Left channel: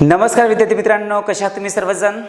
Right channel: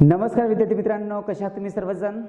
नमस्कार विद्यार्थी मित्रांनो, कशा आहात तुम्ही सर्वजण?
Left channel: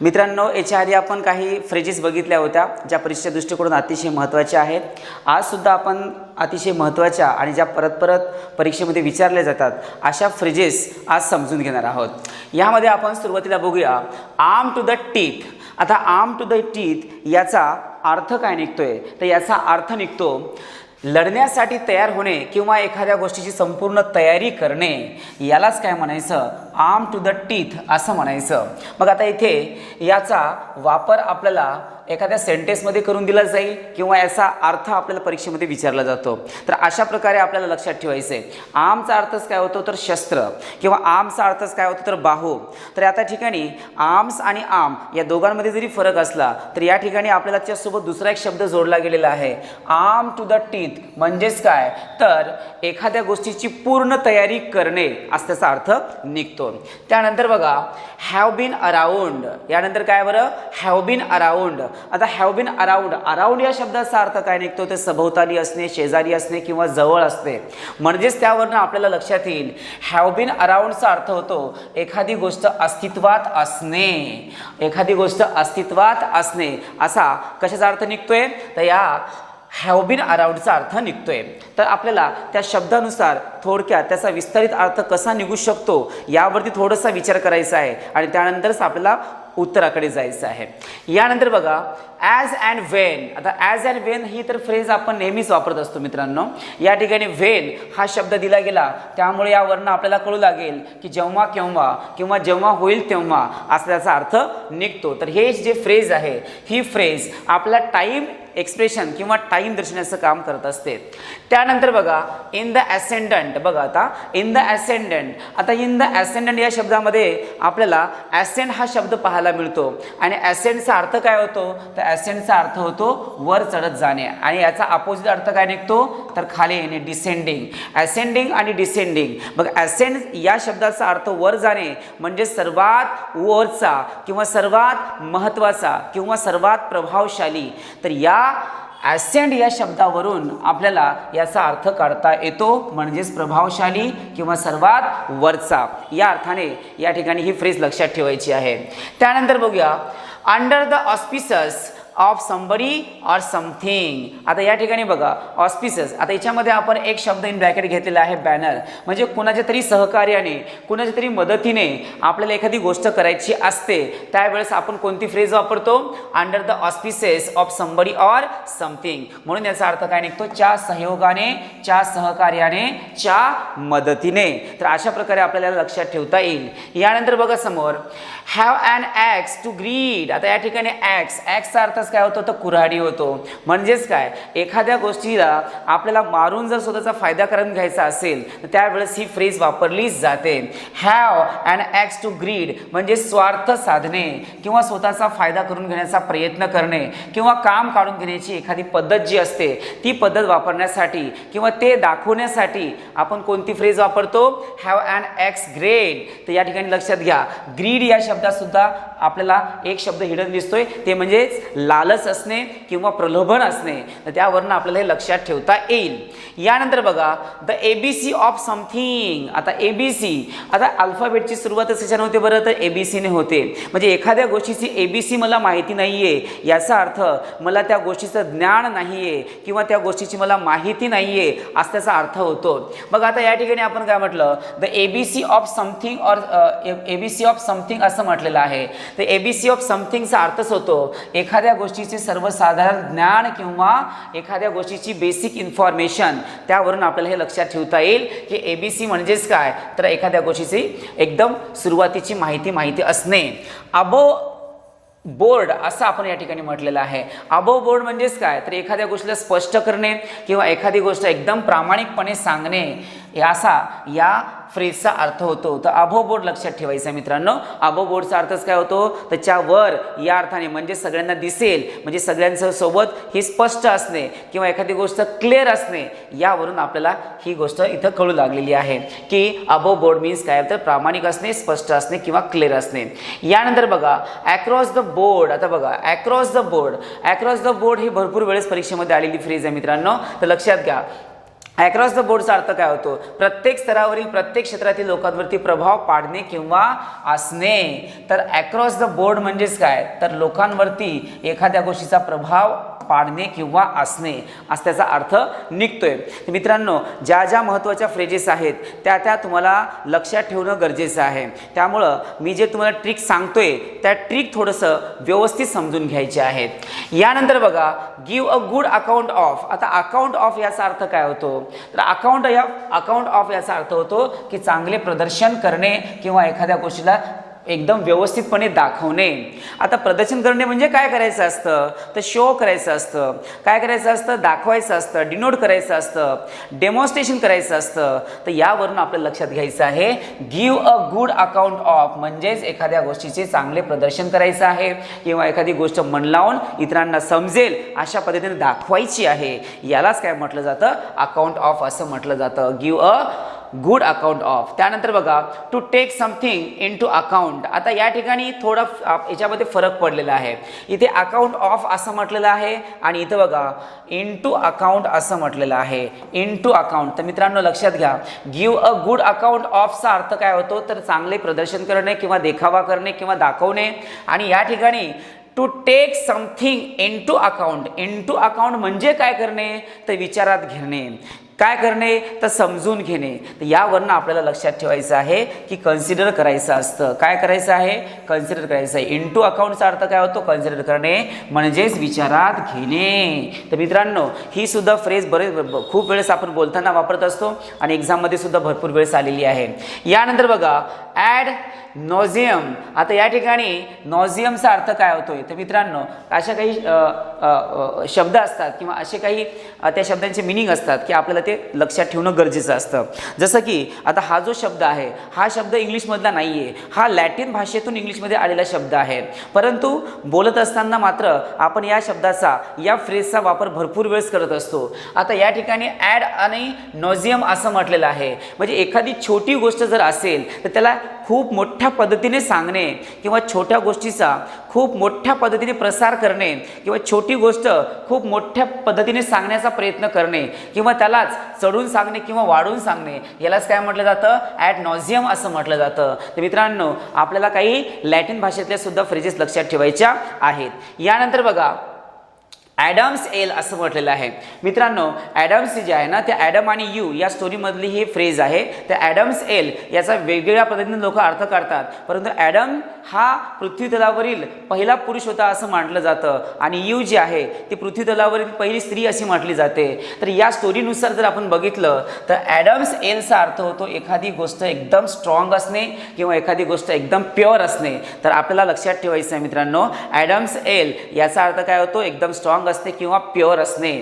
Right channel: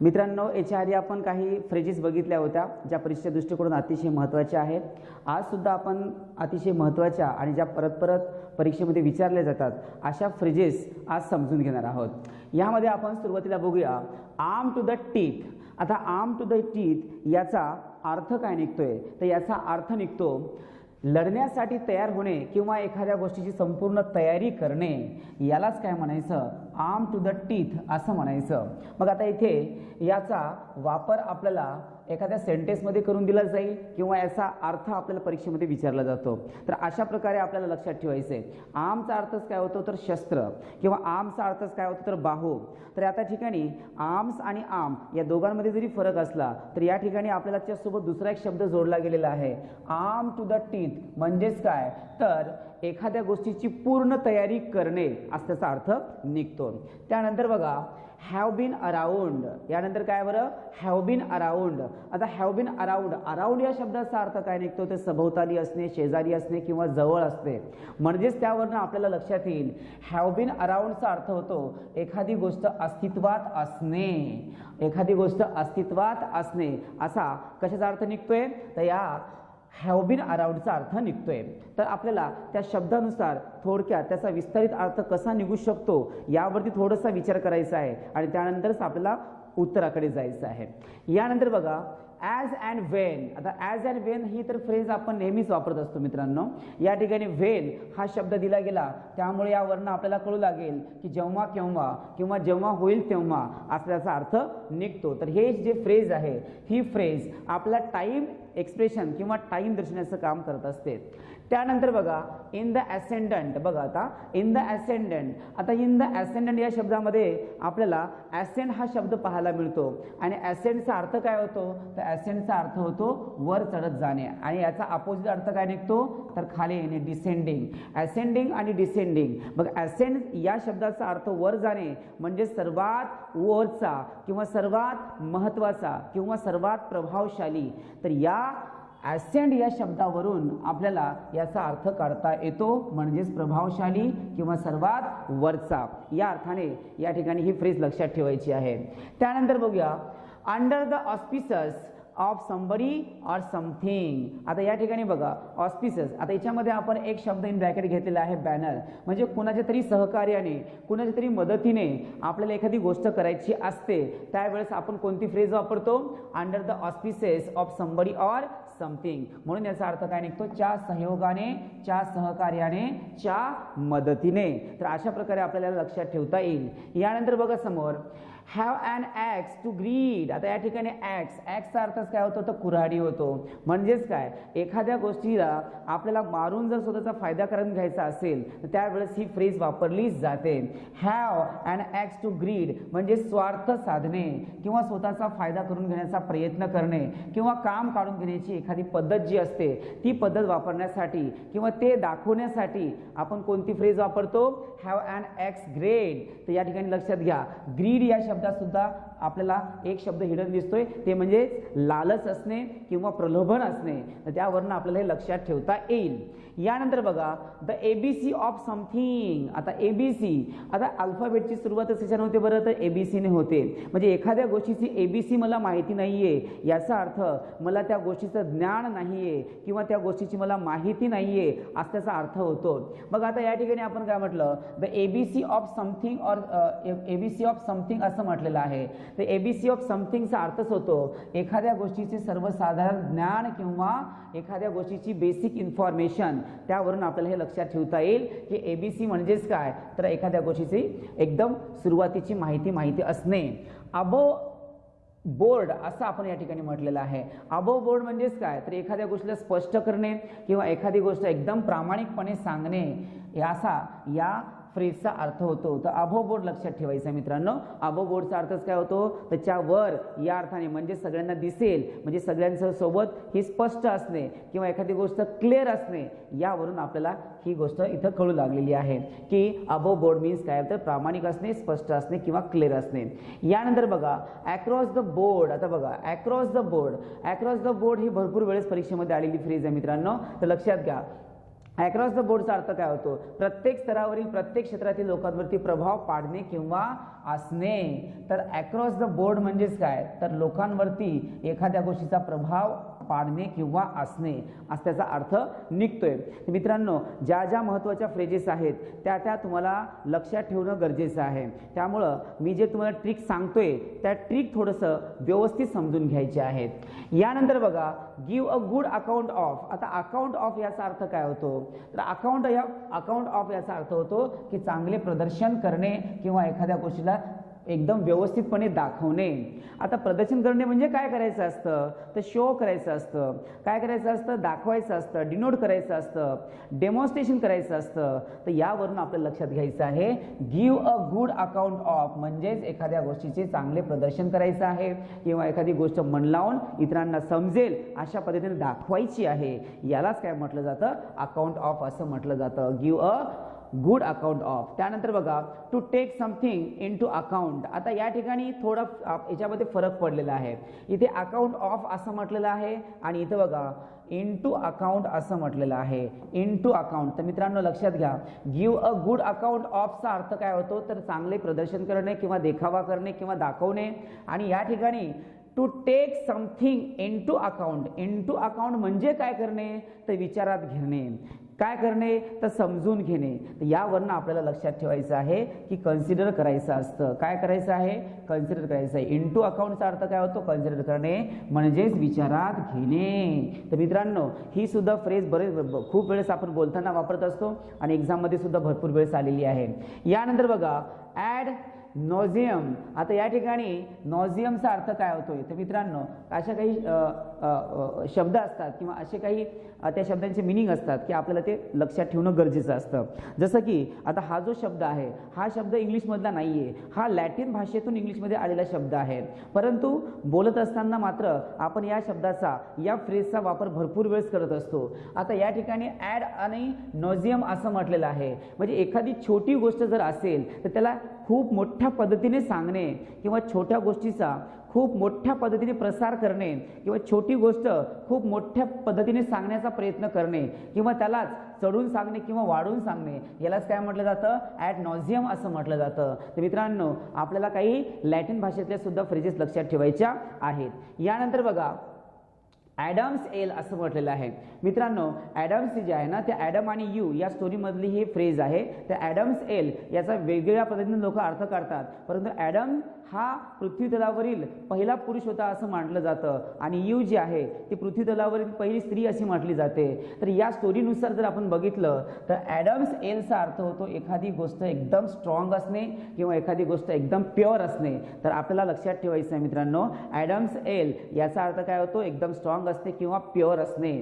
मित्रांनो, याच्या आधी आपण काही फ्रेजेस बघितल्या होत्या ज्या परीक्षेच्या दृष्टिकोनातून अतिशय महत्त्वाच्या आहेत. आजसुद्धा आपण अतिशय महत्त्वाच्या आणि ज्या परत परत परीक्षेमध्ये विचारल्या जातात अशा फ्रेजेस आज समजून घेणार आहोत. यामध्ये आपण सुरुवातीला बघूया आर्म टू द टीथ. आता आर्म टू द टीथ याचा अर्थ काय निघतोय? तर याचा अर्थ निघतो लढण्यासाठी तयार होणे किंवा एखाद्या गोष्टीची संपूर्ण तयारी करणे. यालाच काय म्हणायचं? आर्म टू द टीथ असं म्हणायचं. मग आता इथे याचा वापर आपल्याला एखाद्या सेंटेन्समध्ये करून दिला जाईल किंवा याचा अर्थ आपल्याला परीक्षेमध्ये विचारला जातो. तर अशा प्रकारे आपल्याला लक्षात ठेवायचं आहे. आर्मचा अर्थच काय होतो? तर शस्त्र. किंवा आर्मचा अर्थच काय होतो? तर बाहू. तर आता ठिकाणी आर्म्स आणि आर्म या दोघांमध्ये जरी फरक असला तर या ठिकाणी आपल्याला त्याच्यासोबत दुसरा एक शब्द जोडला गेलेला आहे. आर्म टू द टीथ म्हणजेच काय? तर एखाद्या गोष्टीची पूर्ण तयारी करणे असा त्याचा अर्थ निघतो. त्यानंतर बघा हॅव बीन अराउंड. यानंतर काय बरं? Have been around. आता हॅव बीन अराउंड. अराउंड या शब्दाचा अर्थ काय निघतो? ते सभोवताली असणे, शेजारी असणे किंवा जवळ असणे. म्हणजेच त्यावरनं आपल्याला लक्षात येईल हॅव बीन अराउंडचा अर्थ होतो एखादी गोष्ट अस्तित्वात असणे. एखादी गोष्ट अस्तित्वात असणे असा कशाचा अर्थ निघतोय? तर या हॅव बीन अराउंडचा अर्थ निघतोय. तर आपल्याला त्या शब्दानुसार थोडक्यात त्याचा विस्तारित अर्थ कसा निघू शकतो यावरती थोडासा विचार करायचा आहे आणि त्यानंतरच आपल्याला उत्तराकडे जायचं आहे. यानंतर बघा ॲज अँड वेन. आता ॲज अँड वेन ही तर फ्रेज आपण नेहमीच वापरत असतो मित्रांनो. या ठिकाणी वेन हा शब्द दिला गेला त्यामुळे यावरनं आपल्याला कळू लागेल की जेव्हा केव्हा किंवा जेव्हा होईल तेव्हा असा त्याचा अर्थ निघतो. तर हे जे फ्रेज आहे ही फ्रेज आपला टाईम एक्सप्रेशन किंवा टाईम दर्शवण्याचं काम करत असते. त्यानंतर बघा इन द ॲसेंडंट. बघा आता इन द ॲसेंडंट. आता इन द ॲसेंडंट या शब्दामध्ये आपल्याला ॲसेंड हा शब्द पाहायला मिळतो आणि ॲसेंडचा अर्थ काय होतो? तर ॲसेंडचा अर्थ होतो वर चढत जाणे आणि याचा अपोजिट अर्थ काय निघतो? तर खाली येणे, डिसेंडिंग. ॲसेंडिंग आणि डिसेंडिंग. मग ॲसेंड या शब्दाचा अर्थ वर जाणे म्हणजे सर्वात वरचा किंवा सर्वात महत्त्वाचा किंवा सर्वात प्रभावशाली. तर या ॲसेंड या शब्दावरून आपल्याला याचा अर्थ काढता येतो म्हणजेच प्रभावशाली किंवा सर्वात वरचा. या अर्थाने या ठिकाणी ही फ्रेज लक्षात ठेवायची आहे. त्यानंतर बघूया under the auspices of somebody or something. आता या ठिकाणी बघा ऑस्पिसस. आता याच्यामध्ये आपण एक शब्द इन ब्रॅकेट घेतलेला आहे बॅनर. म्हणजे कुणाच्या तरी सहकार्याने कुणाच्या तरी मदतीने आपल्याला एखादी गोष्ट करायची असते त्यावेळेस आपण कोणती फ्रेज वापरतो? Under the auspices of somebody or something. म्हणून याचा अर्थ काय निघतो? च्या सहयोगाने, च्या सहकार्याने, च्या मदतीने. तर अशा प्रकारे आपल्याला लक्षात ठेवता येईल. यानंतर बघा समोर हॅव अॅन ॲक्स टू ग्रीड. आता या ठिकाणी ॲक्सचा अर्थ काय होतो? तर कुऱ्हाडी होतो. म्हणजेच काय? एखाद्या गोष्टीला आपल्याला मारून जर स्वतःचा फायदा करून घ्यायचा असेल तर त्यावेळेस ही फ्रेज वापरली जाते. हॅव अॅन ॲक्स टू ग्रीड म्हणजे स्वार्थ साधणे किंवा स्वतःचा फायदा करून घेण्याचा प्रयत्न करणे किंवा काम काढून घेण्याची एखादी पद्धत जी असते ती पद्धत वापरण्यासाठी किंवा ते दाखवण्यासाठी आपण कोणती फ्रेज वापरतो? Have an axe grind. तर या ठिकाणी लक्षात घ्या ग्रीड या शब्दात सुद्धा आपल्याला एक शब्द हिडन दिसतोय ते म्हणजेच लालच असणे किंवा प्रलोभन असणे. तर त्यावरनं आपल्याला हे लक्षात ठेवता येईल. यानंतर बघा द एबीसी ऑफ समथिंग. आता एबीसी. आता अल्फाबेटची सुरुवातच कशाने होते बरं? तर एबीसीने होते. म्हणजे एखाद्या गोष्टीची एबीसी मला माहिती नाहीये याचा अर्थ मला त्या गोष्टीचं ज्ञान नाहीये किंवा त्या गोष्टीची मला माहिती नाहीये असा त्याचा अर्थ होतो. मग आता या ठिकाणी आपण काय म्हटलं? The ABC of something or ABC of something असं म्हटलेलं आहे. तर एबीसी ऑफ समथिंगचा अर्थच होतो एखाद्या गोष्टीचे सर्वसाधारण ज्ञान किंवा एखाद्या गोष्टीची बेसिक इन्फॉर्मेशन. त्यावरून आपल्याला हे लक्षात ठेवता येईल की एबीसी म्हणजेच काय? तर एखाद्या गोष्टीची एकदम सुरुवातीची माहिती असणे. अबो बोर्ड असं आपण या ठिकाणी म्हटलेलं आहे. अबोव बोर्ड म्हणजेच काय? तर एखाद्या गोष्टीला स्पष्ट करणे किंवा एखादी गोष्ट एकदम प्रामाणिकपणे सांगणे असा या फ्रेजचा अर्थ होतो. तर अबोव बोर्ड लक्षात ठेवायचा मित्रांनो. अबोव बोर्डचा अर्थच काय होतो? त्याच्या वर या अर्थाने म्हणजे सगळ्यांना दिसेल म्हणजे सगळ्यांच्या सोबत ही स्पष्ट असणे किंवा एखादी गोष्ट क्लिअर असणे. यावरून आपल्याला ही गोष्ट इथं कळू लागलेली आहे की अबोव बोर्ड मीन्स काय? तर प्रामाणिक असणे, स्पष्ट असणे किंवा क्लिअर असणे. यानंतर बघा अक्रॉस द बोर्ड. आता बघा across the board. Across the board ही भरपूर वेळेस परीक्षेमध्ये आलेली फ्रेज आहे मित्रांनो. तर लक्षात घ्या अक्रॉस द बोर्डचा अर्थ काय होतो? प्रत्येक स्तरावरील प्रत्येक क्षेत्रातील लोकांवरती प्रभाव पाडणे किंवा असणे. तर अक्रॉस द बोर्ड म्हणजेच काय? तर लोकांवरती एखाद्या गोष्टीचा प्रभाव पाडणे किंवा असणे असा त्याचा अर्थ निघतोय. तर मित्रांनो, ज्या ज्या महत्त्वाच्या फ्रेजेस आहेत त्या तुम्हाला लक्षात ठेवणं गरजेचं आहे. त्यामुळं मी जे तुम्हाला ट्रिक सांगतोय त्या ट्रिक थोडंसं व्यवस्थित समजून घ्यायचे आहेत. यानंतर बघा, give a good account of. आता अकाउंट ऑफ याचा अर्थ काय होतो? तर अकाउंट ऑफ याचा अर्थ होतो की चांगले प्रदर्शन करणे किंवा एखाद्या गोष्टीला एकदम व्यवस्थितपणे दाखवणे. आता प्रदर्शन करणे म्हणजे काय करायचं असतं? तर शो करायचं असतं. काय करायचं असतं? दाखवायचं असतं, डिनोट करायचं असतं, डेमॉन्स्ट्रेशन करायचं असतं. तर यावरून आपल्याला लक्षात घ्यायचं आहे, give a good account of म्हणजेच एखाद्या गोष्टीचे चांगले प्रदर्शन करायचं आहे किंवा एखादी गोष्ट मन लावून इतरांना समजेल अशा पद्धतीने दाखवायची आहे. यालाच काय म्हटलं जातं? अकाउंट ऑफ असं म्हटलं जातं. Give a good account of. त्यानंतर बघा, to take something into account. आता या ठिकाणी थोडा याच्यामध्ये फरक पडलेला आहे. इथे अकाउंट ऑफ असं म्हटलेलं आहे आणि इथं बघा इन टू अकाउंट असं म्हटलेलं आहे. Into account. तर मित्रांनो लक्षात घ्या, गिव्ह अ गुड अकाउंट ऑफचा अर्थ काय होतो? तर चांगले प्रदर्शन करणे किंवा देखावा करणे किंवा दाखवणे. आणि या ठिकाणी to take something into account. Into account म्हणजे काय करणे? तर विचारात घेणे. काय करणे? तर समजून घेणे. तर यावरनं आपल्याला लक्षात ठेवायचं आहे की कन्सिडर करायचं असतं. काय करायचं आहे? कन्सिडर करायचं आहे. इन टू अकाउंटचा अर्थ काय होतो? कन्सिडर करणे म्हणजेच विचारात घेणे. तर मित्रांनो, ही सुद्धा फ्रेज खूप वेळेस आपण बोलताना वापरत असतो आणि एक्झाममध्ये सुद्धा भरपूर वेळेस आलेली आहे. यानंतर बघा, ॲड नॉझियम. आता या ठिकाणी नॉझियमचा अर्थ काय होतोय? तर मित्रांनो, अशा काही शब्द असतात किंवा असे काही त्या शब्दांचे मिनिंग असतात की आपल्याला ते लक्षात ठेवणं गरजेचं असतं. जसं की आता हा जो शब्द आहे हा शब्द इंग्लिशमधला नाही आहे, हा लॅटिन भाषेतून इंग्लिशमध्ये आलेला शब्द आहे. परंतु बोलत असताना मात्र आपण या शब्दाचा, या फ्रेजचा वापर भरपूर वेळेस करत असतो. आता या ठिकाणी ॲड आणि नॉझियम असं म्हटलेलं आहे. म्हणजे एखादी छोटी गोष्ट जर असेल तर त्याला खूप मोठ्या पद्धतीने सांगणे किंवा छोट्या गोष्टीचा खूप मोठ्या पद्धतीने प्रसार करणे किंवा छोटी गोष्ट खूप मोठ्या पद्धतीने सांगण्याचा प्रयत्न करणे किंवा त्यालाच चढून सांगणे किंवा वाढून सांगणे, यालाच काय म्हटलं जातं? ॲड नॉझियम असं म्हटलं जातं. तर मित्रांनो, आपल्याला काही लॅटिन भाषेतल्या सुद्धा फ्रेजेस लक्षात ठेवायच्या आहेत. यानंतर बघा, ॲडम्स एल असं म्हटलेलं आहे. मित्रांनो, ॲडम्स जे आहे ना, ते ॲडम आणि यू या स्टोरीमधली ही फ्रेज आहे. त्या ॲडम्स एल याचा वेगवेगळ्या पद्धतीने लोक अर्थ काढतात. परंतु ॲडम हा पृथ्वी तलावरील पहिला पुरुष होता असं म्हटलं जातं आणि यू जी आहे ती पृथ्वी तलावरील पहिली स्त्री अशी म्हटली जाते. तर या स्टोरीनुसार जर आपण बघितलं तर ॲडम्स एलचा अर्थ होतो एखादी गोष्ट एकदम स्ट्रॉंग असणे किंवा एखादी गोष्ट एकदम प्युअर असणे. तर आपल्याला लक्षात ठेवायचं आहे मित्रांनो, ॲडम्स एल याचा अर्थ काय होतो? एकदम स्ट्रॉंग असते किंवा प्युअर असणे.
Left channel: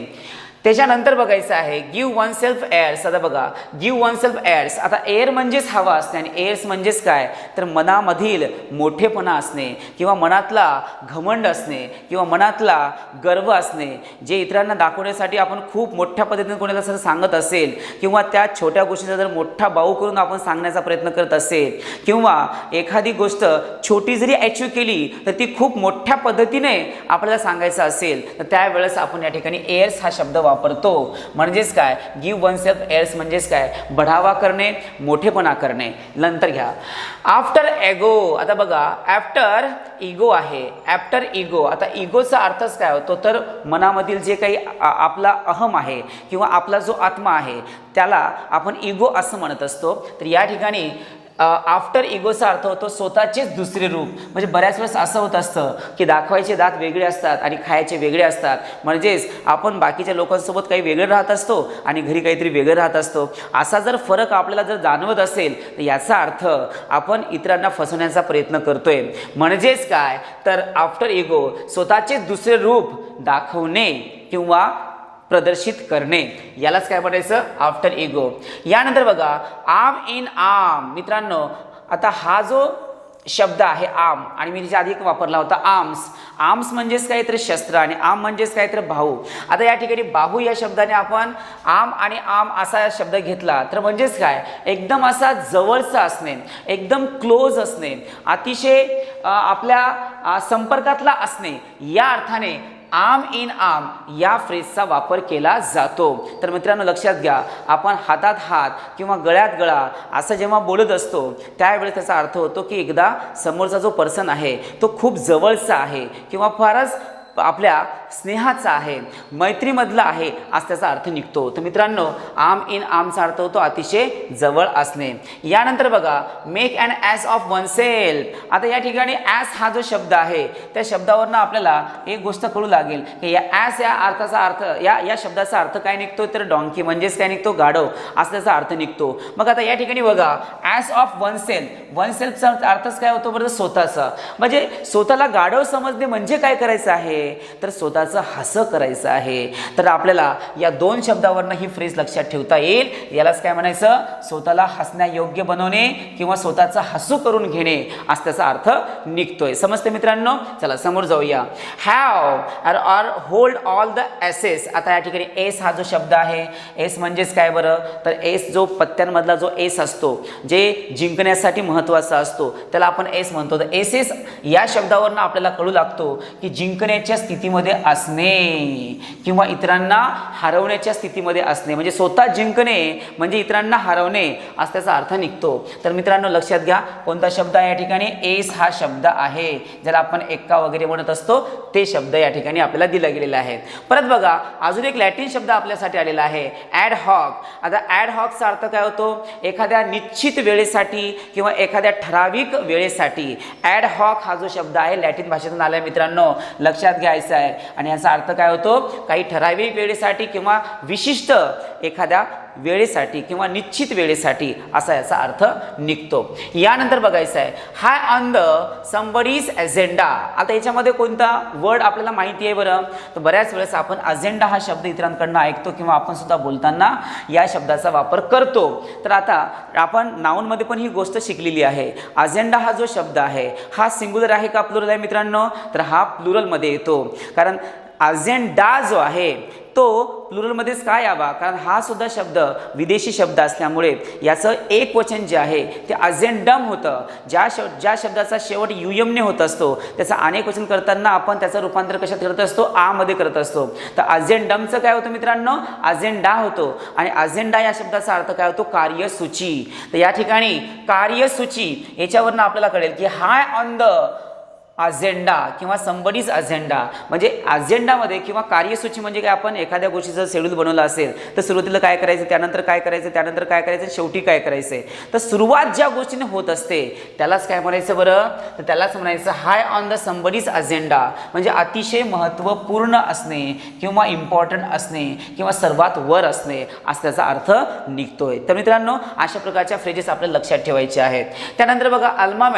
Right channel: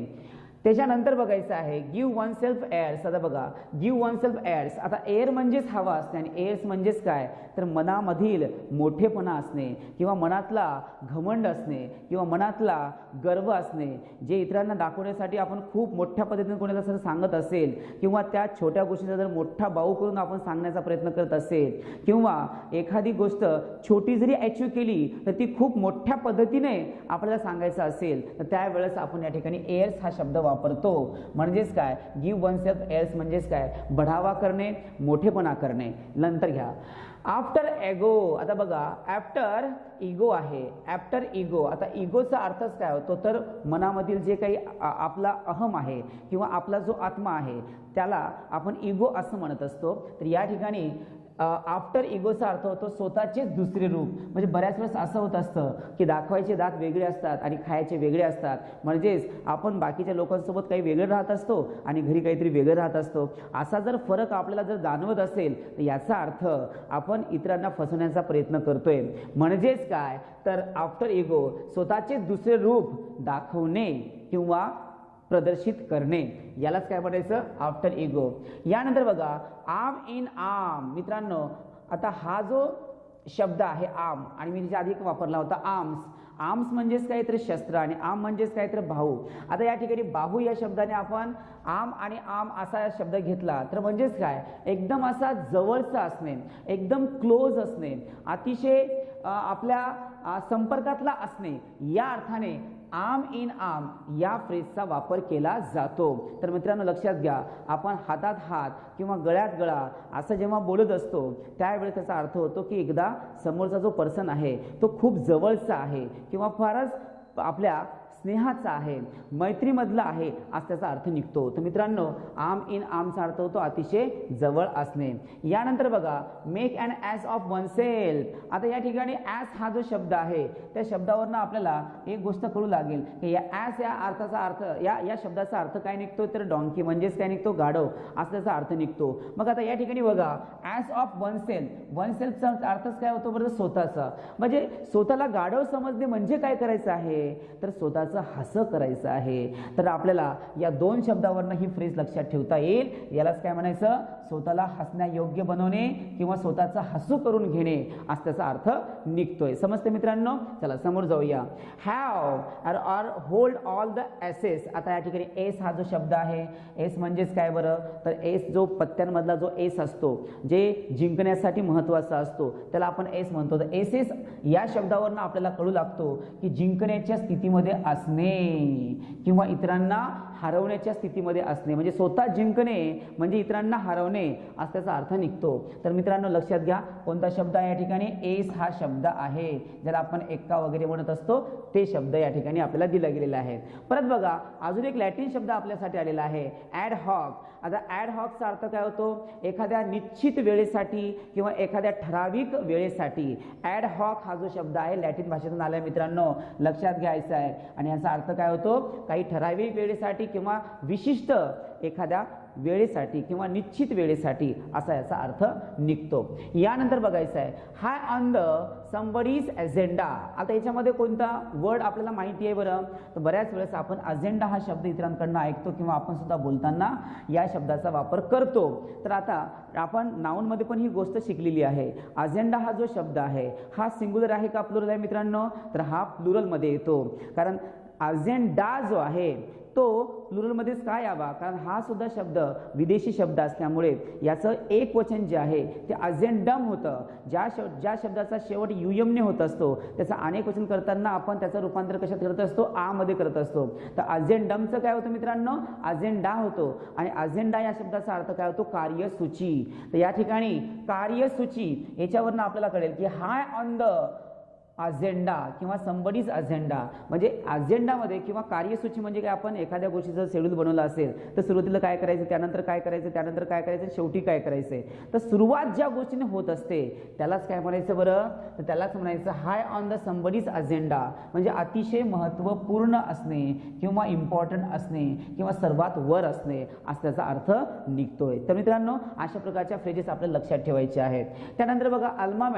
त्याच्यानंतर बघायचं आहे, गिव्ह वन सेल्फ एअर्स. आता बघा, गिव्ह वन सेल्फ एअर्स. आता एअर म्हणजेच हवा असते आणि एअर्स म्हणजेच काय? तर मनामधील मोठेपणा असणे किंवा मनातला घमंड असणे किंवा मनातला गर्व असणे, जे इतरांना दाखवण्यासाठी आपण खूप मोठ्या पद्धतीने कोणाला असं सांगत असेल किंवा त्या छोट्या गोष्टीचा जर मोठा बाऊ करून आपण सांगण्याचा प्रयत्न करत असेल किंवा एखादी गोष्ट छोटी जरी अचीव केली तर ती खूप मोठ्या पद्धतीने आपल्याला सांगायचं असेल तर त्यावेळेस आपण या ठिकाणी एअर्स हा शब्द वापरतो. म्हणजेच काय? गिव्ह वन सेल्फ एअर्स म्हणजेच काय? बढावा करणे, मोठेपणा करणे. नंतर घ्या, आफ्टर एगो. आता बघा, आफ्टर इगो आहे. After ego. आता इगोचा अर्थच काय होतो? तर मनामधील जे काही आपला अहम आहे किंवा आपला जो आत्मा आहे त्याला आपण इगो असं म्हणत असतो. तर या ठिकाणी आफ्टर इगोचा अर्थ होतो स्वतःचेच दुसरे रूप. म्हणजे बऱ्याच वेळेस असं होत असतं की दाखवायचे दात वेगळे असतात आणि खायचे वेगळे असतात. म्हणजेच आपण बाकीच्या लोकांसोबत काही वेगळे राहत असतो आणि घरी काहीतरी वेगळं राहत असतो. असा जर फरक आपल्याला जर जाणवत असेल तर याचा अर्थ आपण इतरांना फसवण्याचा प्रयत्न करतोय. म्हणजेच काय? तर आफ्टर इगो स्वतःचेच दुसरे रूप दाखवणे किंवा प्रदर्शित करणे, यालाच काय म्हणायचं? After ego. यानंतर बघा, आर्म इन आर्म. मित्रांनो, आता हा जो शब्द आहे आर्म आणि मी त्याच्या आधी एक वापरला होता आर्म्स. आर्म्स म्हणजेच काय? तर शस्त्र आणि आर्म म्हणजेच काय? तर बाहू. आता या ठिकाणी बाहू या शब्दाने आपण आर्म आणि आर्म असा शब्द घेतला तर म्हणजेच काय? एकदम असा जवळचा असणे, एकदम क्लोज असणे, अतिशय आपल्या संपर्कातला असणे, या अर्थाने आर्म इन आर्म या फ्रेजचा वापर केला जातो. तर मित्रांनो लक्षात घ्या, आपण हातात हात किंवा गळ्यात गळा असं जेव्हा बोलत असतो त्यावेळेस त्याचा अर्थ होतो की एकदा समोरचा जो पर्सन आहे तो खूप जवळचा आहे किंवा फारच आपल्या स्नेहाचा आहे, मैत्रीमधला आहे असं त्याचा अर्थ निघतो. तर मित्रांनो आर्म इन आर्मचा अर्थ होतो अतिशय जवळ असणे. यानंतर बघा make an ass of oneself. आता या ठिकाणी ॲस हा जो शब्द आहे त्या शब्दावरनं आपल्याला एक गोष्ट कळू लागेल की या ॲस या अर्थाचा अर्थ या शब्दाचा अर्थ काय निघतो तर डॉंकी म्हणजेच काय निघतो गाढव असा त्याचा अर्थ निघतो. मग आता या ठिकाणी बघा ॲस ऑफ वन सेल्फचा अर्थच काय होतो बरं स्वतःचा, म्हणजे स्वतःला गाढव समजणे म्हणजे काय करायचं आहे तर स्वतःचं हसं करायचं आहे. तर आपल्याला या दोन शब्दावरनं ही फ्रेज लक्षात ठेवता येईल. यालाच काय म्हणायचं स्वतःला हसण्यायोग्य बनवणे किंवा स्वतःचं हसू करून घेणे असा त्याचा अर्थ निघतोय. समजते मित्रांनो. चला समोर जाऊया. Have or hold all the aces. आता या ठिकाणी एस हा जो शब्द आहे एस म्हणजेच काय बरं तर एस जो पत्त्यांमधला जो एस असतो जे जिंकण्यासाठी महत्त्वाचा असतो त्याला आपण एस म्हणतो. तर एस या शब्दावरनं आपल्याला कळू लागतो की जिंकण्याच्या स्थितीमध्ये असणे किंवा इतरांना हरवण्याच्या स्थितीमध्ये असणे, म्हणजे स्वतः जिंकणे म्हणजे इतरांना हरवणे असा त्याचा अर्थ निघतो. तर मित्रांनो लक्षात घ्या कोणता शब्द आहे या ठिकाणी एस हा शब्द आहे ज्याला आपण एक्का वगैरे म्हणत असतो ते शब्द या ठिकाणी आपल्याला दिला गेलेला आहे. परत बघा अजून एक लॅटिन शब्द आपल्यासाठी आलेला आहे ॲड हॉक. आता ॲड हॉकचा अर्थ काय होतो एखाद्या निश्चित वेळेसाठी किंवा एखाद्या ठराविक वेळेसाठी. ॲड हॉक हा जो शब्द आहे लॅटिन भाषेतून आला मित्रांनो लक्षात घ्यायचा आहे. आणि याचा अर्थ काय होतो काही ठराविक वेळेसाठी किंवा विशिष्ट एखाद्या वेळेसाठी किंवा निश्चित वेळेसाठी असा याचा अर्थ निघतो. यानंतर बघायचं आहे हाय ऑन द समबडीज अजेंडा. आता याच्यामध्ये कोणता वर्ड आपल्याला माहिती आहे बरं तर बऱ्याच वेळेस आपण अजेंडा हा शब्द इतरांकडनं ऐकतो किंवा आपण सुद्धा बोलताना या शब्दाचा वापर करतो. तर आता आपण नाऊनमध्ये पण ही गोष्ट शिकलेली आहे. अजेंडा हा जो शब्द आहे हा सिंग्युलर आहे का प्लुरल आहे मित्रांनो तर हा प्लुरलमध्ये येतो. कारण अजेंडा जो आहे तो प्लुरलमध्येच काय यावा कारण हा सुद्धा शब्द विदेशी शब्द असल्यामुळे याचं एक वचन जे आहे ते अजेंडम होतं. ज्या शब्दाचा शेवट युयमने होत असतो त्याचं अनेक वचन करताना आपण त्याचं रूपांतर कशात करत असतो आमध्ये करत असतो. तर अजेंडमचं काय होतं मित्रांनो अजेंडा होतो आणि अजेंडा या शब्दाचा अर्थ काय होतो कार्यसूची. तर या ठिकाणी कार्यसूची याच्यावरनं आपल्याला कळेल की हाय ऑन द अजेंडा किंवा समबडीज अजेंडा म्हणजे अजेंडामध्ये किंवा कार्यसूची म्हणजे काय आपण एखाद्या गोष्टीचं शेड्यूल बनवलं असेल तर सुरुवातीला काय करायचं त्यानंतर काय करायचं त्यानंतर काय करायचं शेवटी काय करायचं. तर सुरुवात ज्या गोष्टीने होत असते त्यालाच काय म्हणायचं बरं तर त्यालाच म्हणायचं हाय ऑन द समबडीज अजेंडा म्हणजे अतिशय महत्त्वपूर्ण असणे किंवा इम्पॉर्टंट असणे किंवा सर्वात वर असणे असा त्याचा अर्थ निघतोय. तर मित्रांनो अशा प्रकारच्या फ्रेजेस आपल्याला लक्षात ठेवायचे आहेत. त्यानंतर बघा अल्मा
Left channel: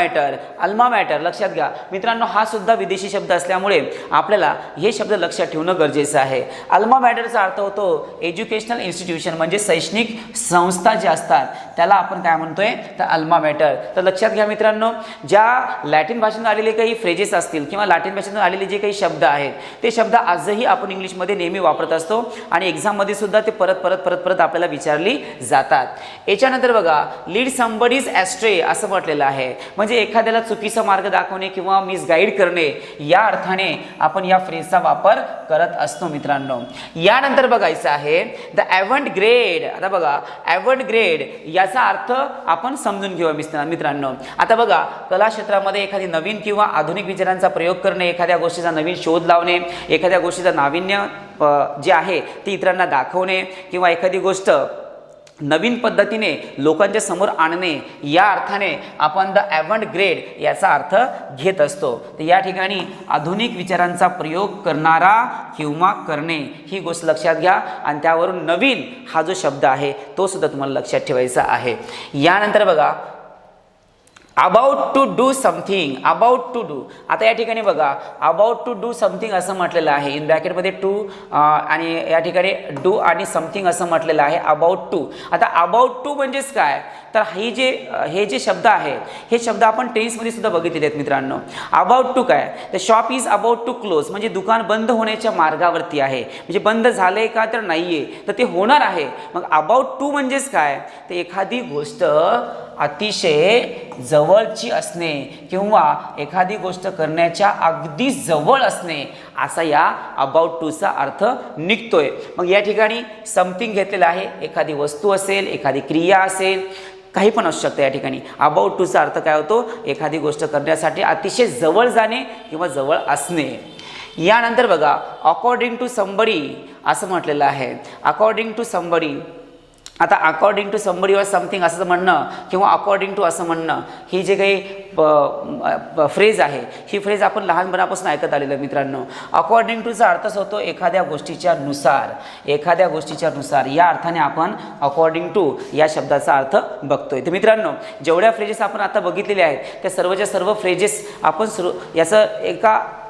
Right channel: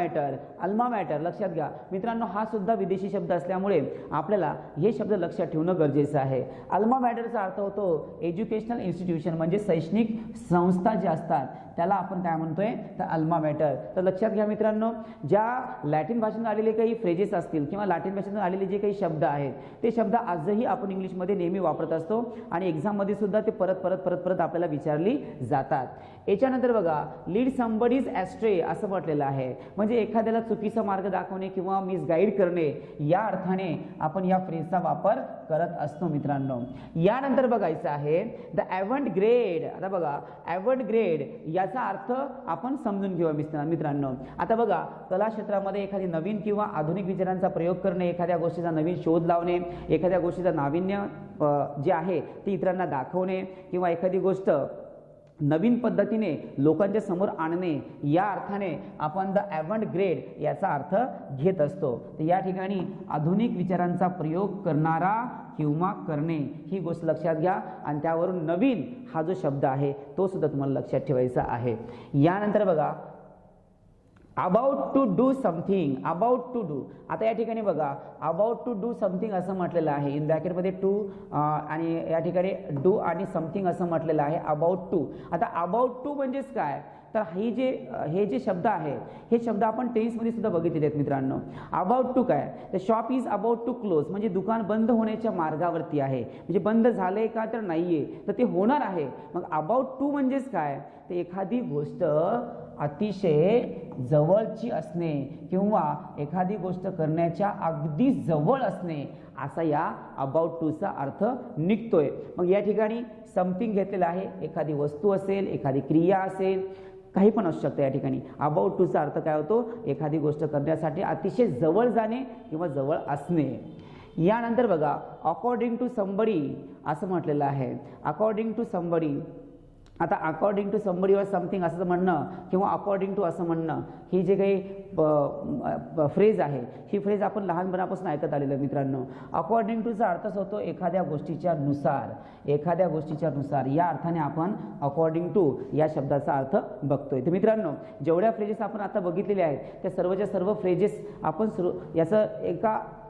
मॅटर लक्षात घ्या मित्रांनो हा सुद्धा विदेशी शब्द असल्यामुळे आपल्याला हे शब्द लक्षात ठेवणं गरजेचं आहे. अल्मा मॅटरचा अर्थ होतो एज्युकेशनल इन्स्टिट्यूशन म्हणजे शैक्षणिक संस्था ज्या असतात त्याला आपण काय म्हणतोय तर अल्मा मॅटर. तर लक्षात घ्या मित्रांनो ज्या लॅटिन भाषेतून आलेले काही फ्रेजेस असतील किंवा लॅटिन भाषेतून आलेले जे काही शब्द आहेत ते शब्द आजही आपण इंग्लिशमध्ये नेहमी वापरत असतो आणि एक्झाममध्ये सुद्धा ते परत आपल्याला विचारली जातात. याच्यानंतर बघा लीड समबडीज ॲस्ट्रे असं म्हटलेलं आहे म्हणजे एखाद्याला चुकीचा मार्ग दाखवणे किंवा गाईड करणे या अर्थाने आपण या फ्रेजचा वापर करत असतो मित्रांनो. यानंतर बघायचं आहे द ॲव्हंट ग्रेड. आता बघा ॲव्हंट ग्रेड याचा अर्थ आपण समजून घेऊया मित्रांनो. आता बघा कला क्षेत्रामध्ये एखादी नवीन किंवा आधुनिक विचारांचा प्रयोग करणे एखाद्या गोष्टीचा नवीन शोध लावणे एखाद्या गोष्टीचं नाविन्य जे आहे ते इतरांना दाखवणे किंवा एखादी गोष्ट नवीन पद्धतीने लोकांच्या समोर आणणे या अर्थाने आपण द ॲव्हंट ग्रेड याचा अर्थ घेत असतो. तर या ठिकाणी आधुनिक विचारांचा प्रयोग करणारा किंवा करणे ही गोष्ट लक्षात घ्या आणि त्यावरून नवीन हा जो शब्द आहे तो सुद्धा तुम्हाला लक्षात ठेवायचा आहे. यानंतर बघा about to do something. About to do. आता या ठिकाणी बघा अबाउट टू डू समथिंग असं म्हटलेलं आहे इन ब्रॅकेटमध्ये टू आणि या ठिकाणी डू आणि समथिंग असं म्हटलेलं आहे अबाउट टू. आता अबाउट टू म्हणजेच काय तर हे जे शब्द आहे हे शब्द आपण टेन्समध्ये सुद्धा बघितलेले आहेत मित्रांनो. अबाउट टू काय तर shop is about to close म्हणजे दुकान बंद होण्याच्या मार्गावरती आहे म्हणजे बंद झालंय का तर नाहीये तर ते होणार आहे. मग अबाउट टू म्हणजेच काय तर एखादी गोष्ट अतिशय जवळची असणे किंवा एखादी गोष्ट करण्याच्या अगदी जवळ असणे असा या अबाउट टूचा अर्थ निघतोय. मग या ठिकाणी समथिंग घेतलेला आहे, एखादी वस्तू असेल, एखादी क्रिया असेल, काही पण असू शकतं. या ठिकाणी अबाउट टूचा अर्थ काय होतो, एखादी गोष्ट करण्यासाठी अतिशय जवळ जाणे किंवा जवळ असणे. यानंतर बघा अकॉर्डिंग टू समबडी असं म्हटलेलं आहे. अकॉर्डिंग टू समबडी, आता अकॉर्डिंग टू समबडी वर समथिंग असं म्हणणं किंवा अकॉर्डिंग टू असं म्हणणं, ही जे काही फ्रेज आहे ही फ्रेज आपण लहानपणापासून ऐकत आलेलं मित्रांनो. अकॉर्डिंग टूचा अर्थच होतो एखाद्या गोष्टीच्या नुसार, एखाद्या गोष्टीच्या नुसार. या अर्थाने आपण अकॉर्डिंग टू या शब्दाचा अर्थ बघतोय. तर मित्रांनो जेवढ्या फ्रेजेस आपण आता बघितलेल्या आहेत त्या सर्वच्या सर्व फ्रेजेस आपण याचं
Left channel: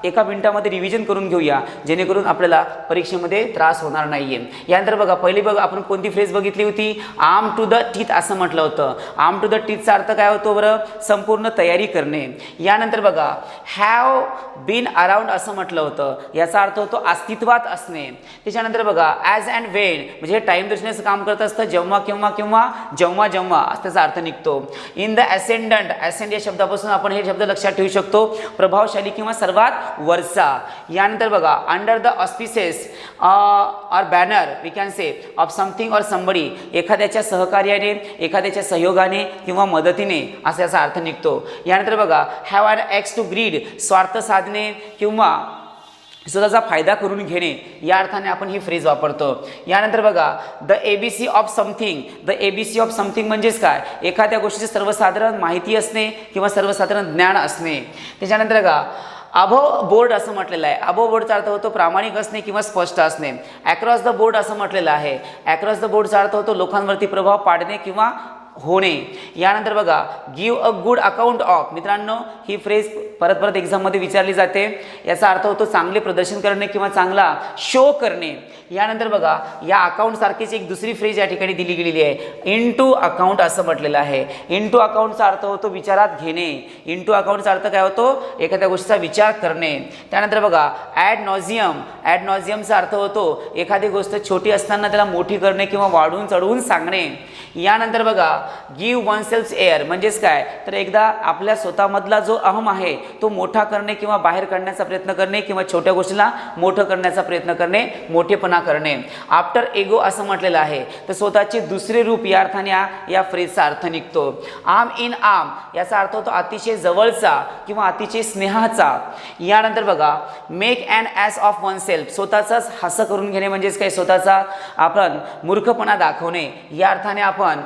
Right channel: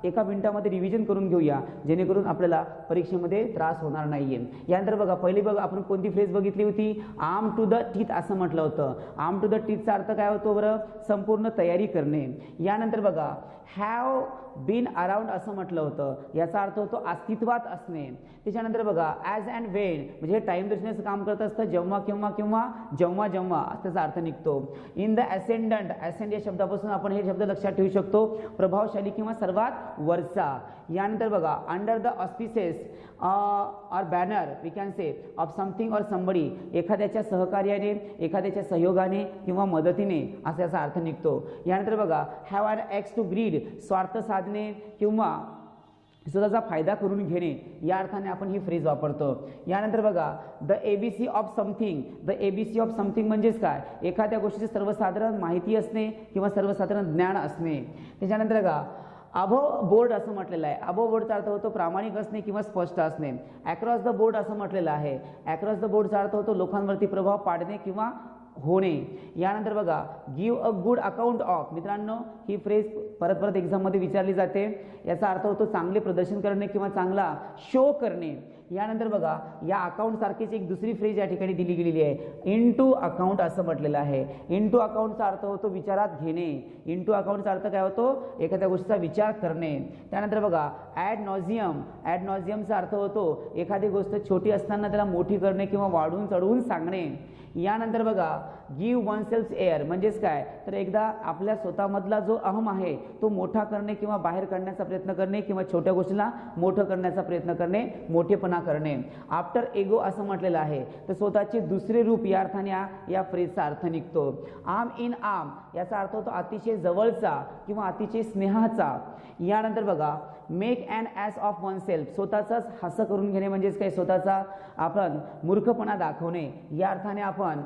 एका मिनिटामध्ये रिव्हिजन करून घेऊया, जेणेकरून आपल्याला परीक्षेमध्ये त्रास होणार नाहीये. यानंतर बघा पहिली आपण कोणती फ्रेज बघितली होती, आर्म टू द टीथ असं म्हटलं होतं. आर्म टू द टीथचा अर्थ काय होतो बरं, संपूर्ण तयारी करणे. यानंतर बघा हॅव बीन अराउंड असं म्हटलं होतं, याचा अर्थ होतो अस्तित्वात असणे. त्याच्यानंतर बघा ॲज अँड वेन म्हणजे टाईम दर्शनाचं काम करत असतं, जेव्हा किंवा जेव्हा त्याचा अर्थ निघतो. इन द ॲसेंडंट, ॲसेंड या शब्दापासून आपण हे शब्द लक्षात ठेवू शकतो, प्रभावशाली किंवा सर्वात वरचा. यानंतर बघा under the auspices or banner we can say of something or somebody, एखाद्याच्या सहकार्याने, एखाद्याच्या सहयोगाने किंवा मदतीने असा याचा अर्थ निघतो. यानंतर बघा have an axe to grind, स्वार्थ साधणे किंवा स्वतःचा फायदा करून घेणे या अर्थाने आपण ही फ्रेज वापरतो. यानंतर बघा the ABC of something, the ABC of something म्हणजेच काय, एखाद्या गोष्टीची सर्वसाधारण माहिती असणे किंवा सर्वसाधारण ज्ञान असणे. त्याच्यानंतर बघा अबोव बोर्ड असं म्हटलेलं आहे. अबोव बोर्डचा अर्थ होतो प्रामाणिक असणे किंवा स्पष्ट असणे. अक्रॉस द बोर्ड असं म्हटलेलं आहे. अक्रॉस द बोर्डचा अर्थ होतो लोकांवरती प्रभाव पाडणे किंवा होणे. यानंतर बघा give a good account of, मित्रांनो ही फ्रेज परत एक्झाममध्ये विचारली जाते. याचा अर्थ होतो चांगले प्रदर्शन करणे किंवा चांगला शो करणे. यानंतर बघा या अकाउंट सारखीच एक दुसरी फ्रेज या ठिकाणी दिली गेलेली आहे, इन टू अकाउंट असं म्हटलेलं आहे. इन टू अकाउंटचा अर्थ होतो विचारात घेणे. इन टू अकाउंटचा अर्थ काय होतो, एखाद्या गोष्टीचा विचार करणे. त्यानंतर बघा ॲड नॉझियम, ॲड नॉझियमचा अर्थ होतो एखादी गोष्ट छोटी असताना त्याला मोठी करणे किंवा वाढवून चढवून सांगणे. यानंतर बघा गिव्ह वन सेल्फ एअर म्हणजेच काय, तर एकदा आपल्या स्वतःमधला जो अहम आहे तो मोठा करणे किंवा बाहेर काढण्याचा प्रयत्न करणे किंवा छोट्या गोष्टीला मोठं करण्याचा प्रयत्न करणे, मोठेपणा करणे. आफ्टर एगो असं म्हटलेलं आहे, तर स्वतःचे दुसरे रूप या अर्थाने या फ्रेजचा अर्थ निघतो. आर्म इन आर्म याचा अर्थ होतो अतिशय जवळचा किंवा अतिशय स्नेहाचा. यानंतर बघा make an ass of oneself, स्वतःचाच हास्य करून घेणे म्हणजेच काय, स्वतःचा आपण मूर्खपणा दाखवणे. या अर्थाने आपण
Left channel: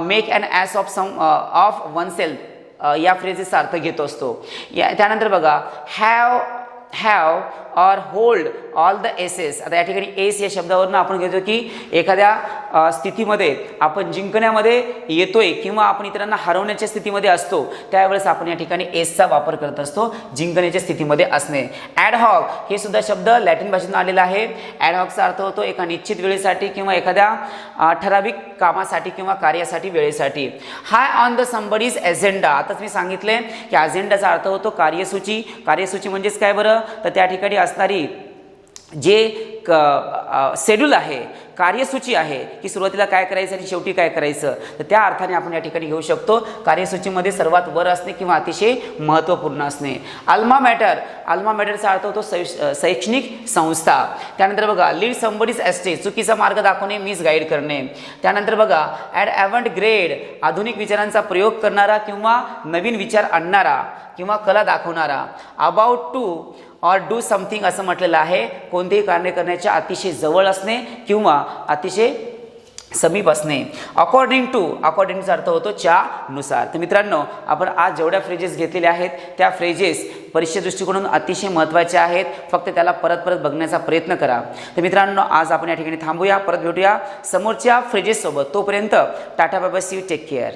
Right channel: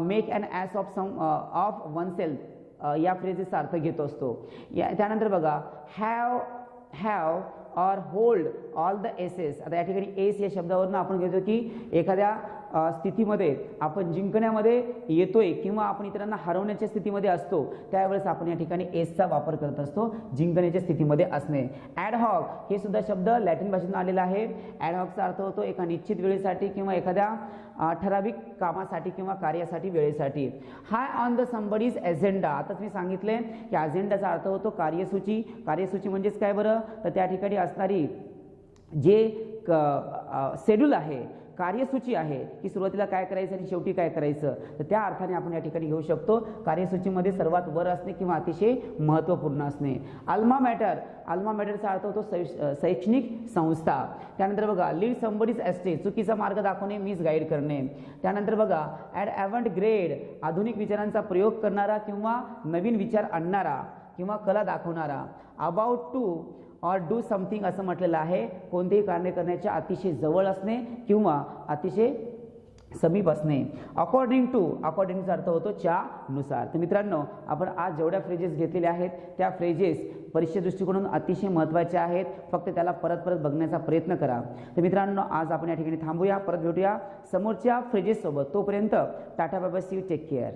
make an ass of oneself या फ्रेजेसचा अर्थ घेत असतो. त्यानंतर बघा हॅव और होल्ड ऑल द एसेस. आता या ठिकाणी एस या शब्दावरून आपण घेतो की एखाद्या स्थितीमध्ये आपण जिंकण्यामध्ये येतोय किंवा आपण इतरांना हरवण्याच्या स्थितीमध्ये असतो, त्यावेळेस आपण या ठिकाणी एसचा वापर करत असतो, जिंकण्याच्या स्थितीमध्ये असणे. ॲडहॉक हे सुद्धा शब्द लॅटिन भाषेतून आलेला आहे. ॲडहॉकचा अर्थ होतो एका निश्चित वेळेसाठी किंवा एखाद्या ठराविक कामासाठी किंवा कार्यासाठी, वेळेसाठी. हाय ऑन द समबडीज एजेंडा, आताच मी सांगितले की अजेंडाचा अर्थ होतो कार्यसूची. कार्यसूची म्हणजेच काय बरं, तर त्या ठिकाणी असणारी जे शेड्यूल आहे, कार्यसूची आहे की सुरुवातीला काय करायचं आणि शेवटी काय करायचं, तर त्या अर्थाने आपण या ठिकाणी घेऊ शकतो कार्यसूचीमध्ये सर्वात वर असणे किंवा अतिशय महत्त्वपूर्ण असणे. अल्मा मॅटर, अल्मा मॅटरचा अर्थ होतो शैक्षणिक संस्था. त्यानंतर बघा लीड समबडीज एस्टेट, चुकीचा मार्ग दाखवणे, मिसगाईड करणे. त्यानंतर बघा ॲट ॲव्हंट ग्रेड, आधुनिक विचारांचा प्रयोग करणारा किंवा नवीन विचार आणणारा किंवा कला दाखवणारा. अबाउट टू और डू समथिंग असं म्हटलेलं आहे, कोणतेही कार्य करण्याच्या अतिशय जवळ असणे किंवा अतिशय समीप असणे. अकॉर्डिंग टूचा अर्थ होतो च्या नुसार. तर मित्रांनो आपण आज जेवढ्या फ्रेजेस घेतलेल्या आहेत त्या फ्रेजेस परीक्षे दृष्टिकोनातून अतिशय महत्त्वाच्या आहेत, फक्त त्याला परत बघण्याचा प्रयत्न करा. तर मित्रांनो आज आपण या ठिकाणी थांबूया, परत भेटूया समोरच्या फ्रेजेससोबत. तोपर्यंत tata bye bye, see you, take care.